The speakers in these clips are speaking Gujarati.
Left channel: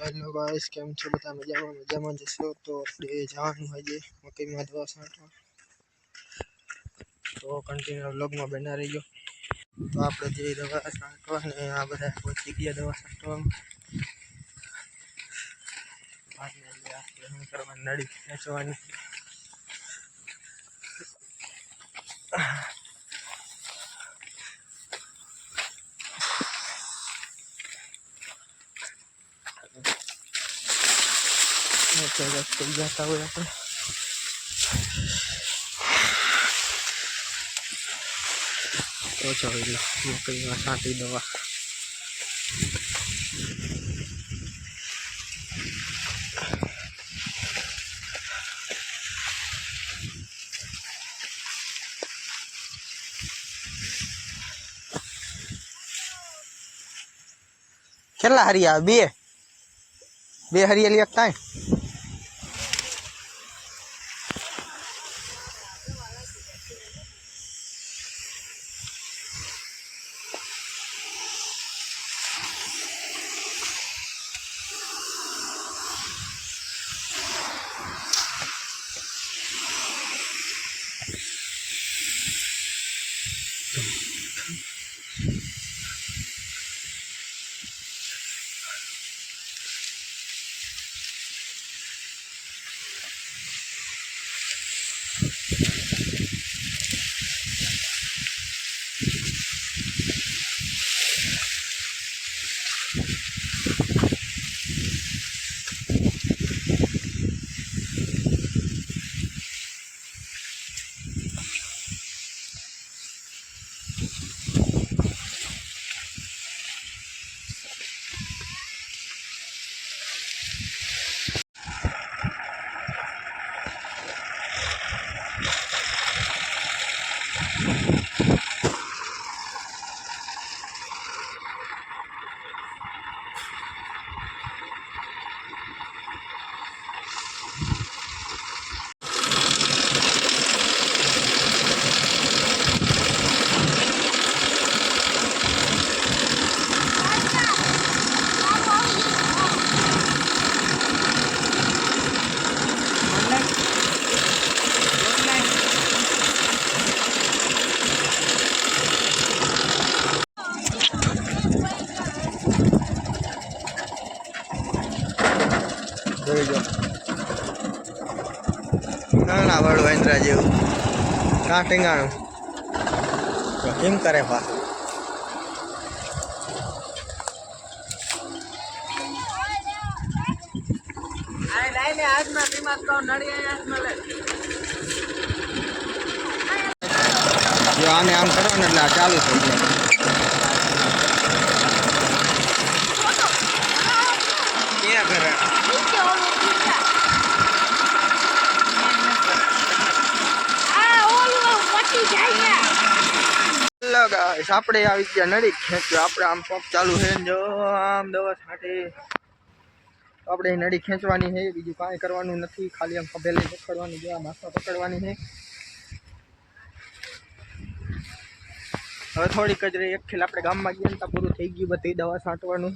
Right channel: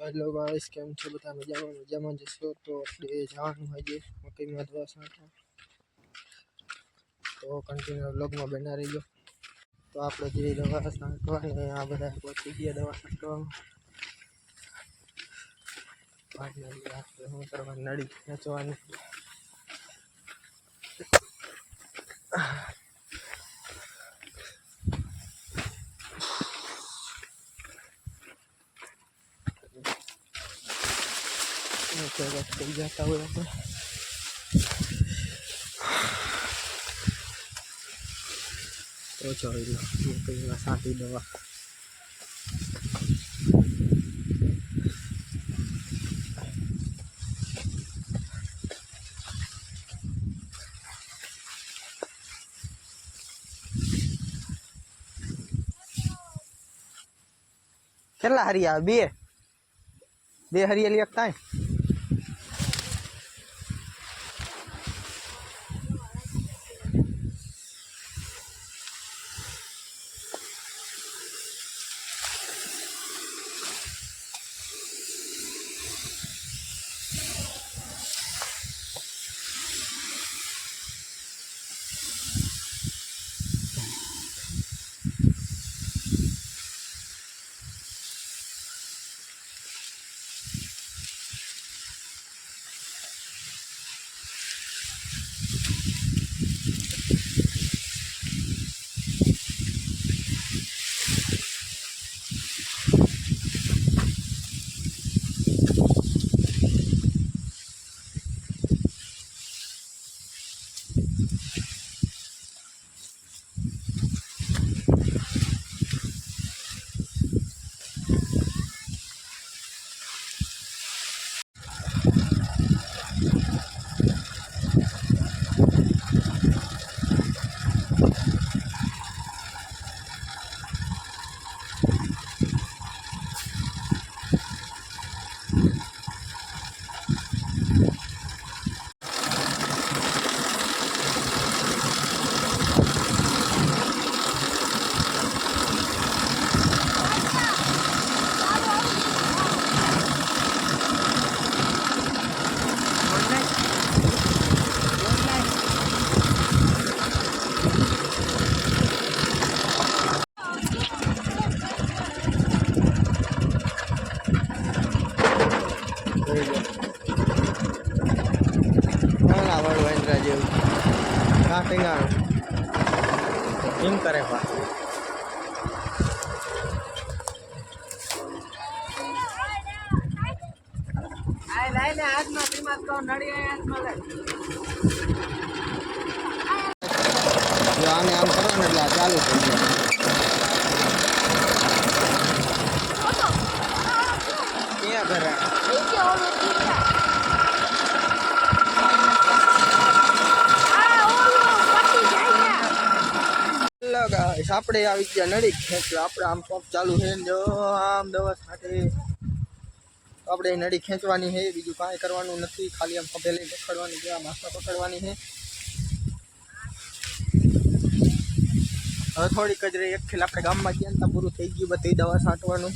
हेलो गाइस केम छो बता मजामा जशो तो આપણે જવાનું છે મકઈમાં દવા છાંટવા તો કન્ટિન્યુ વ્લોગમાં બના રહીજો તો આપણે જે દવા છાંટવા ને આ બધા પહોંચી ગયા દવા છાંટવા ફાઇનલી આપણે શું કરવાનું નળી ખેંચવાની जाता हुआ अपने तो चलो मकई में छांटी दवा કેટલા હરિયા બે હરિયાળી એક થાય ના વળ વેન્દ્રા જેવું કાં ટીંગાણું કેમ કરે બા આને આમ કરવાનું એટલે આ ચાલુ થઈ જાય ક્યાં કરે गाइस આપણે આવી ગયા નળી ખેંચવા આપણે આમ પંપ ચાલુ છે જો આમ દવા છાંટે આપણે નળી ખેંચવાની છે બીજું કાંઈ કરવાનું નથી ખાલી આમ પભેલે પકડવાની છે આ માથા પકડવાની છે હવે થોડીક જ રહી એક ખેલ આપણે ગામમાં ગયા ને પૂરું થઈ ગયું બધી દવા છાંટવાનું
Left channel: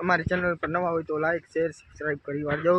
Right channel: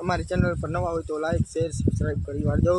અમારી ચેનલ પર નવા હોય તો લાઈક શેર સબસ્ક્રાઇબ કરી વાળજો।